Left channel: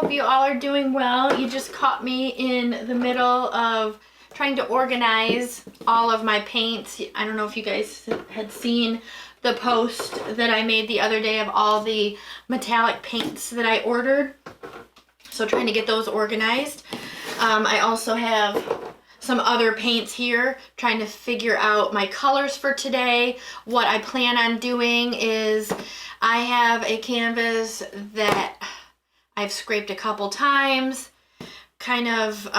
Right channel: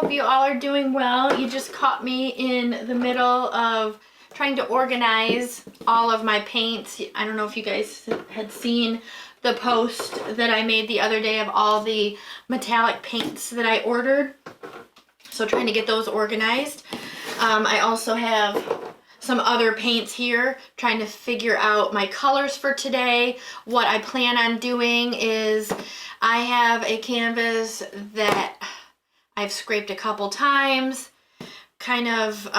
hope you all are doing well. You just caught me in the middle of trying to organize all of my paints. I don't know if you guys had seen the post that I made the other day of all the metallic paints that I ordered. So trying to get those organized. I also have some other paints here, trying to figure out my colors for today. What I plan on doing is I have a canvas that I've scraped a couple times, kind of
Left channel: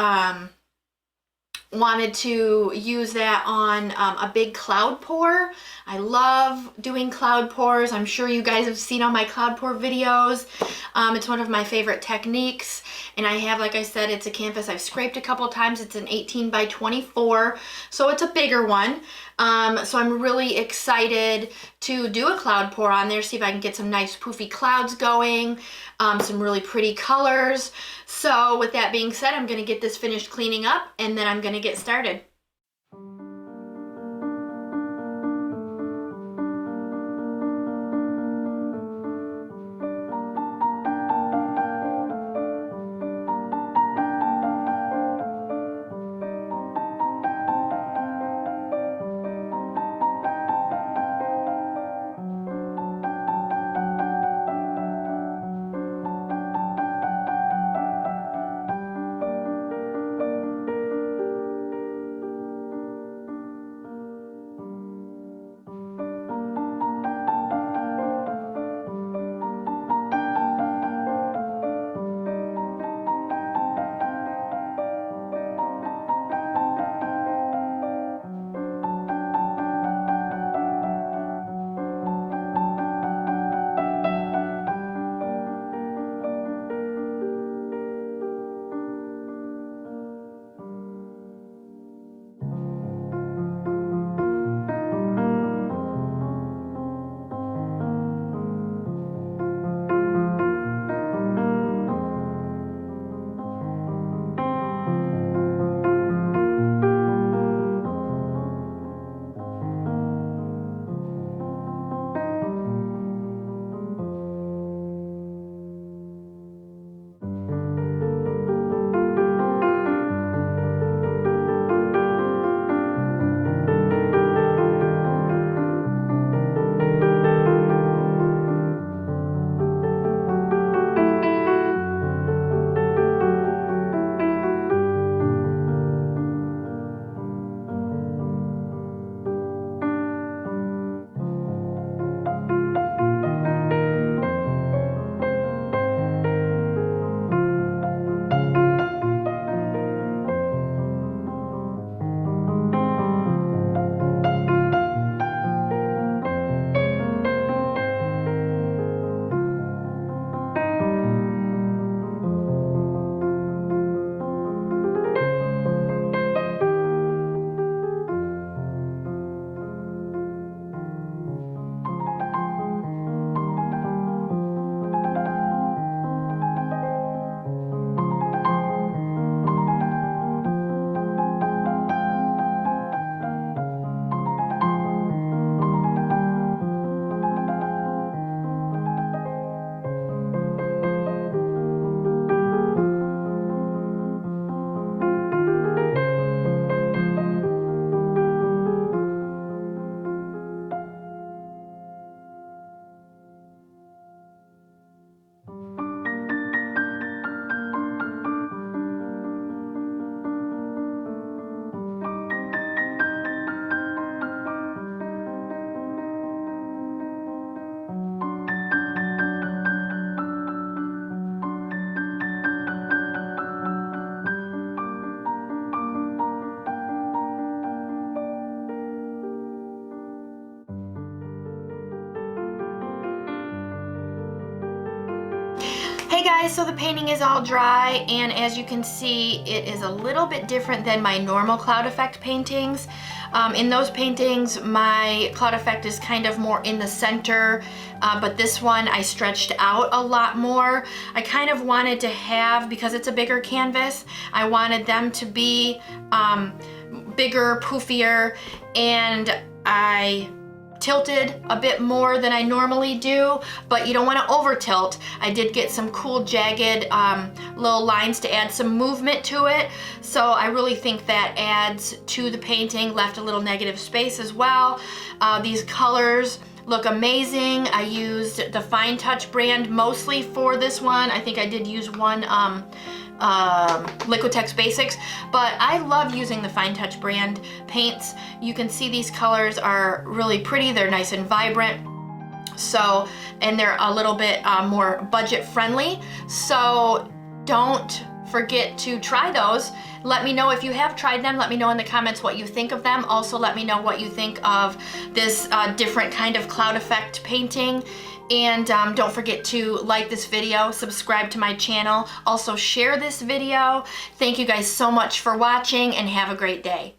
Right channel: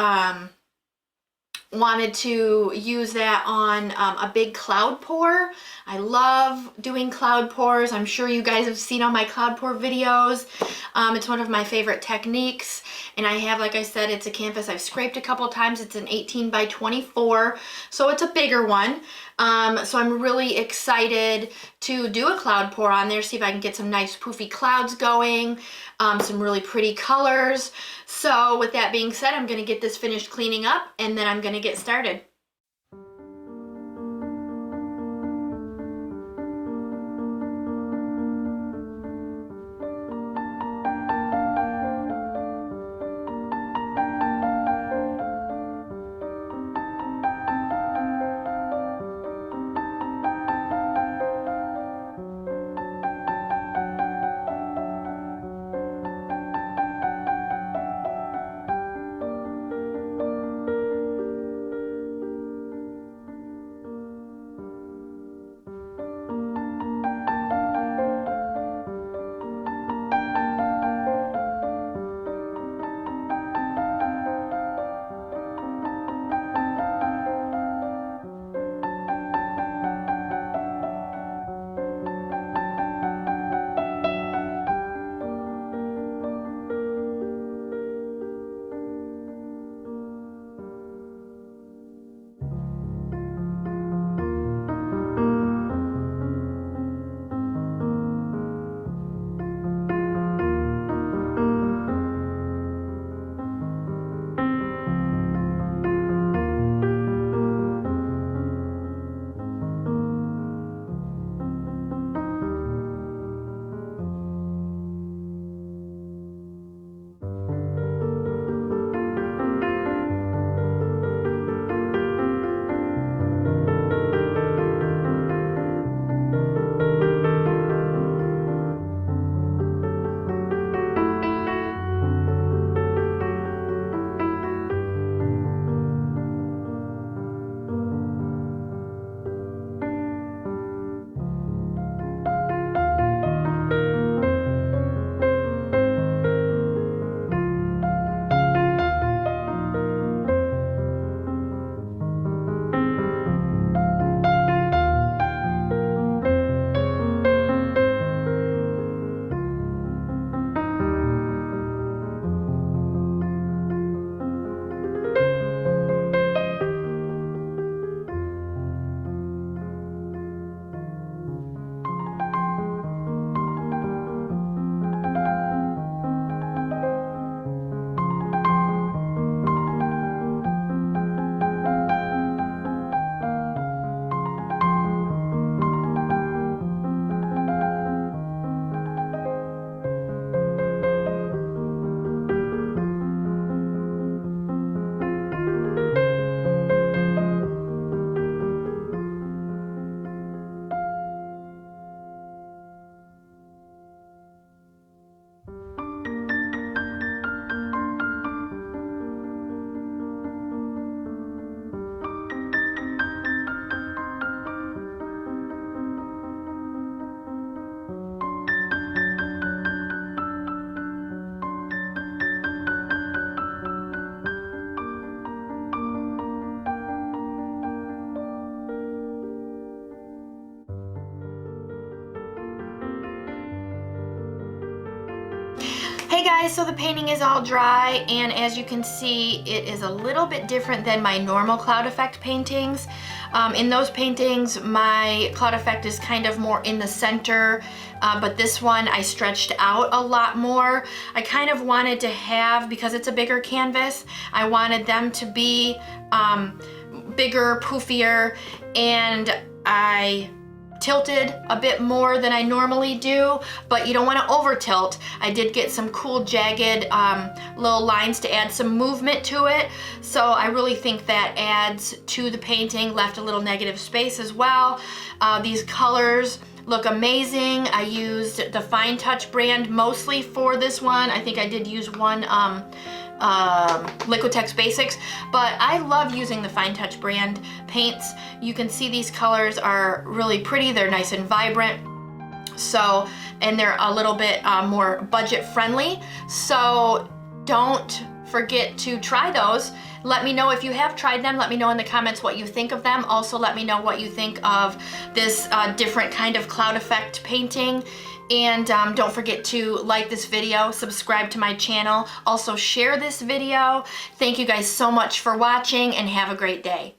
wanted to use that on a big cloud pour. I love doing cloud pours. I'm sure you guys have seen all my cloud pour videos. It's one of my favorite techniques, and I have, like I said, it's a canvas I've scraped a couple times. It's an 18 by 24, so it's a bigger one. So I'm really excited to do a cloud pour on there, see if I can get some nice poofy clouds going, some really pretty colors. So with that being said, I'm gonna get this finished cleaning up and then I'm gonna get started. Hey guys, so the painting is all dry, and as you can see, it is a little bit different than my normal cloud effect paintings. In those paintings, my cloud effect is kind of more in the center, but this one I stretched out a lot more. I kind of wanted to have, because it's a bigger canvas, I wanted them to be bigger, poofier, and I tilted a bit more than I normally do, but you don't want to over tilt. I did get some cool jagged little lines to add some movement to it, so I really think that adds to the painting, left a little negative space as well. These colors look amazing. I used the Fine Touch brand mostly for this one. I think I did use one Liquitex Basics, but I love using the Fine Touch brand paints. You can see these colors are really pretty. They're nice and vibrant. So, and they're a little bit more budget friendly. So don't forget to try those. Let me know if you have tried them. Let me know in the comments what you think of them. Also, let me know what you think of this different kind of cloud effect painting. And don't forget to like this video, subscribe to my channel, also share this video. Thank you guys so much for watching and have a great day.